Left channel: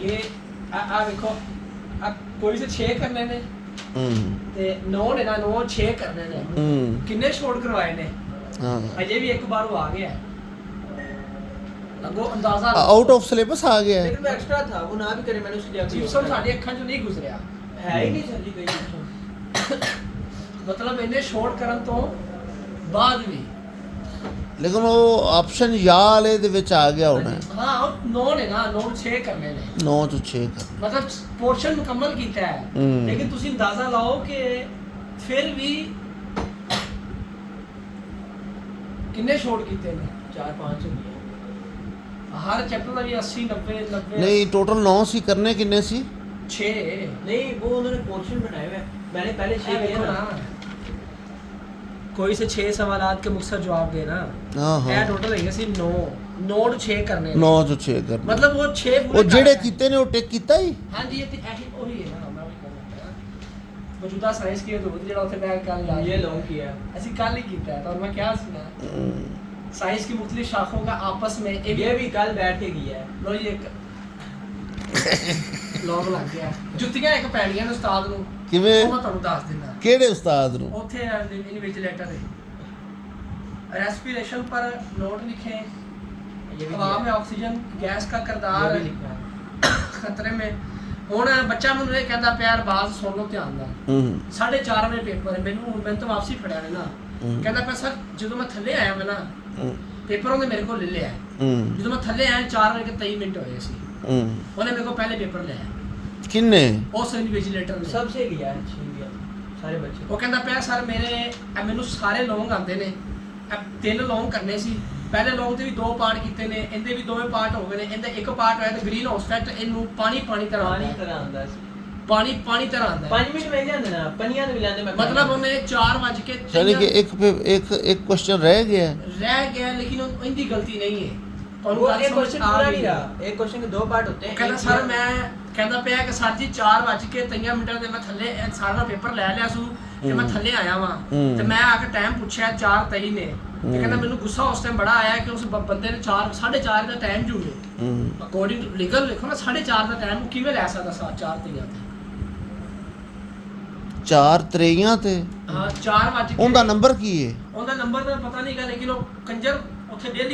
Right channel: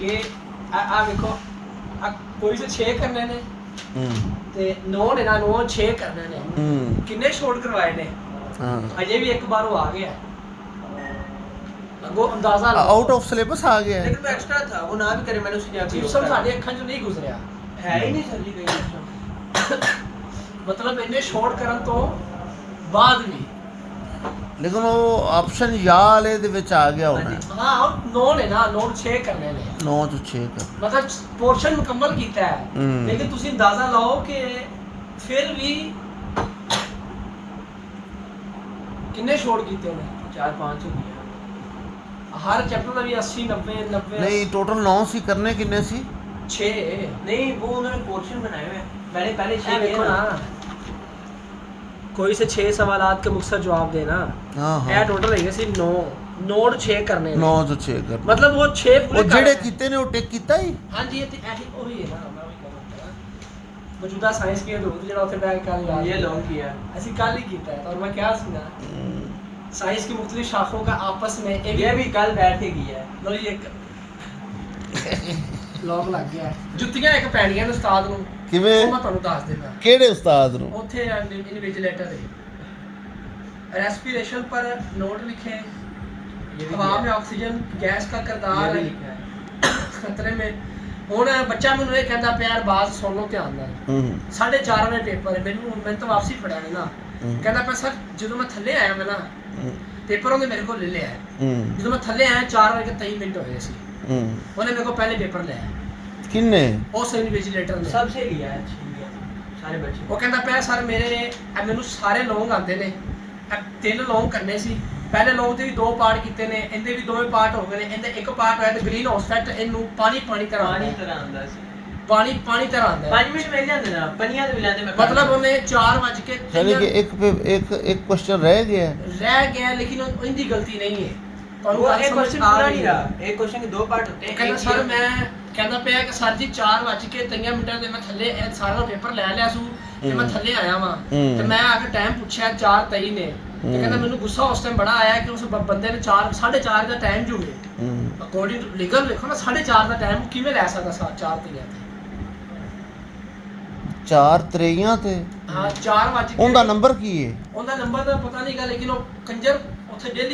ये आ देखो कोई से 6 करने ने ते 9 ने ना 9 6 करने ने किन्ने शॉट करवाए ने अजय भी एक बार वो आ गया लगो अंदाजा आउट ऑफ सिलेबस आ गया है लेकिन वो एक्स्ट्रा था वो ना भी करे मैंने उसे जाके जिप्सम साडी ਅੱਖਾਂ ਚੋਂ ਨਹੀਂ ਗੁਜ਼ਰਿਆ है ही नहीं सर जी कोई जिप्सम ਮਤਲਬ ਇਹਨੇ ਸ਼ਾਟ ਕਰਨ ਤੋਂ ਬਾਅਦ ਵੀ ਲੇਕਿਨ ਉਹ ਆਪਸ਼ਨ ਯਾ ਵਾਲੇ ਦੇ ਵਿੱਚ ਆ ਗਿਆ ਹੋਣਾ ਹਾਂ 9 ਨੇ ਨਾ 9 6 ਕਰਨੇ ਨੇ 9 ਤੋਂ 6 ਕਰ ਮਤਲਬ ਪੋਰਸ਼ਨ ਮੁਕੰਮਲ ਕੀਤਾ ਹੈ ਲੇਕਿਨ ਤੁਸੀਂ ਅੰਦਾਜ਼ਾ ਲਾਓ ਕਿ ਫਿਰ ਵੀ ਕਿੰਨੇ ਸ਼ਾਟ ਕੀਤੇ ਨੇ 4-5 ਹਰ ਚੈਪਟਰ ਦਾ ਵੀ 80 90 90 ਨਹੀਂ ਟੋਟਲ 9 ਸੀ ਕਰਨੇ ਕਿੰਨੇ ਸੀ 6 नहीं वो उन्होंने पोर्शन बनाए हुए हैं मैंने पहले ये 6 देखो किए ना ना कोई से 6 सवालात के मुख्तसर जवाब देना ਹਾਂ ਇਹ ਹਾਂ ਟੋਟਲ ਹੈਗੇ ਸੀ 9 ਨੋਟ 6 ਕਰਨੇ ਨੇ 9 ਤੋਂ 6 ਕਰ ਮਤਲਬ ਉਹ 6 ਪੂਰੇ ਉਹ ਜਿਹੜੇ ਕੀਤੇ ਨੇ ਉਹ ਟਿਕ ਕੀਤਾ ਹੀ ਹਾਂਜੀ ਇਹ ਤੇ ਇਹੀ ਉਹੀ ਹੈ ਨਾ ਮੈਂ ਉਹੀ ਕਹਿੰਦਾ ਮੌਜੂਦਾ ਸਾਇੰਸ ਕੀ ਜ਼ਰੂਰਤ ਜਿਹੜਾ ਉੱਥੇ ਬੈਗ ਕਰ ਲਾ ये लॉन्ग किया ਅਸੀਂ ਕੱਲ ਹੀ ਕੀਤਾ ਹੈ ਤੁਹਾਨੂੰ ਮੈਂ ਕਿਹਾ ਸੀ ਨਾ साइंस की मुख्तलिफ शाखों का आपस में ये भी कल बैठ के किया है लो ये ਲੋਕ ਲੱਗ ਗਿਆ ਜੁੱਤੀਆਂ ਇੱਕ ਪੈਣੀਆਂ ਨੇ ਉਸਤਾਦ ਨੂੰ ਕਿਵੇਂ ਉਹ ਮੈਂ ਤੁਹਾਨੂੰ ਦੱਸ ਦਿੰਦਾ ਕਿਹੜੇ ਉਸਤਾਦ ਨੂੰ ਉੱਥੇ ਇਨਵਿਜੀਲੇਟਰ है रेस्पिरेशन पर नोट लिखे ये भी हवा किया में है। ऑक्सीजन गैस का ये किरदार भी लिखा है खतरे में ਹੁਣ ਬੱਚਾ ਮੈਨੂੰ ਇਹ ਕਹਿੰਦਾ ਪਿਆ ਯਾਰ ਬਾਤ ਸੁਣ ਲਓ ਧਿਆਨ ਨਾਲ 4:30 ਵਜੇ ਪੇਪਰ ਹੈ ਮੈਨੂੰ ਤਾਂ ਵਾਪਸੀ ਪੜਿਆ ਨੇ ਨਾ ਕਹਿੰਦਾ ਪਰ ਸਰ ਜਦੋਂ ਮੈਂ ਥੱਲੇ ਆਇਆ ਮੈਂ ਨਾ ਪੇਪਰ ਉਹਨੇ ਮੇਰੇ ਕੋਲ ਲੈ ਲਿਆ ਜਦੋਂ ਮੈਂ ਥੱਲੇ ਆਇਆ 4:23 ਮਿੰਟ ਹੋਏ ਸੀ ਉਹਨੇ ਮੇਰੇ ਕੋਲ ਪਹਿਲੇ ਪੇਪਰ ਲਿਆ ਕਿੰਨੇ ਉਸ ਇਨਵਿਜੀਲੇਟਰ ਨੇ सबसे लिया है छीन लिया सारे बच्चे ਉਹ ਕਹਿੰਦਾ ਪਿਆ ਸਰ ਮੈਨੂੰ ਸਾਰੇ ਲੌਂਗ ਆਉਂਦੇ ਨੇ 3 ਲੌਂਗ ਕਰਨੇ ਸੀ ਪਹਿਲੇ ਲੌਂਗ ਤੇ ਵੀ 2 ਪਾਰਟ ਕੀਤੇ ਨੇ ਇਹਦੇ ਵੀ 2 ਪਾਰਟ ਹੋ ਗਏ ਨੇ ਇਹਦਾ ਇੱਕ ਪਾਰਟ ਹੋਇਆ ਤੇ ਗ੍ਰੀਨ ਹਾਊਸ ਇਫੈਕਟ ਇਹਨੂੰ ਪਾਣੀ ਤਰ੍ਹਾਂ पानी ਆਉਂਦਾ तरह आंदा सी ਪਾਣੀ ਤਰ੍ਹਾਂ ਆਉਂਦਾ 5 मिनट में जांदे ना पनिया ते मिलांदे मैं ਮਤਲਬ ਉਹਨੇ 4 ਵਜ ਕੇ ਯਾਨੀ ਕਿ ਇੱਕ ਕੁਐਸਚਨ ਰਹਿ ਗਿਆ ਰਹਿ ਗਿਆ ਲੇਕਿਨ ਉਹਦੀ ਗਲਤੀ ਨਹੀਂ ਹੈ ਤੁਹਾਨੂੰ वो ਗੱਲ एक ਸਮਝ क्वेश्चन ਆ पूरा ਰਹੀ नहीं ਹੈ। रहा एक क्वेश्चन के 2 पार्ट होते हैं ਕਹਿੰਦਾ एक ਸਰ ये- ਮੈਂ ਕਹਿੰਦਾ ਪਿਆ ਕਿ ਸਰ ਜੀ 4 ਵਜ ਕੇ 3 ਮਿੰਟਾਂ ਦੇ ਮੈਂ ਥੱਲੇ ਇਹ ਸਾਰਾ ਪੇਪਰ ਲੈ ਲਿਆ ਸੀ ਤੇ ਮੈਂ ਥੱਲੇ ਆਇਆ ਵਾਂ ਤੇ ਮੈਂ ਆ ਕੇ ਟਾਈਮ ਪੁੱਛਿਆ 4:23 ਨੇ ਤੇ ਕਹਿੰਦਾ ਮੈਨੂੰ ਗੁੱਸਾ ਉਸ ਟਾਈਮ ਬੜਾ ਆਇਆ ਕਿ ਉਸ ਬੰਦੇ ਨੇ 4:30 ਦਾ ਟਾਈਮ ਜੂਗੇ ਅਕੋਰਡਿੰਗ ਟੂ ਲੀਗਲ ਲਿਖੋ ਨਾ 4:30 ਦਾ ਟਾਈਮ ਕਿਵੇਂ ਲੈ ਸਕਦਾ 4:30 4 ਤਰੇਆਂ ਤੇ ਹਾਂ 4 ਵਜ ਕੇ ਉਹਦਾ ਨੰਬਰ ਕੀ ਹੈ ਉਹਦਾ ਨੰਬਰ ਤਾਂ ਪਤਾ ਨਹੀਂਗਾ ਲੇਕਿਨ ਉਹ ਕੰਜਰ ਉੱਥੇ ਡੇਲੀ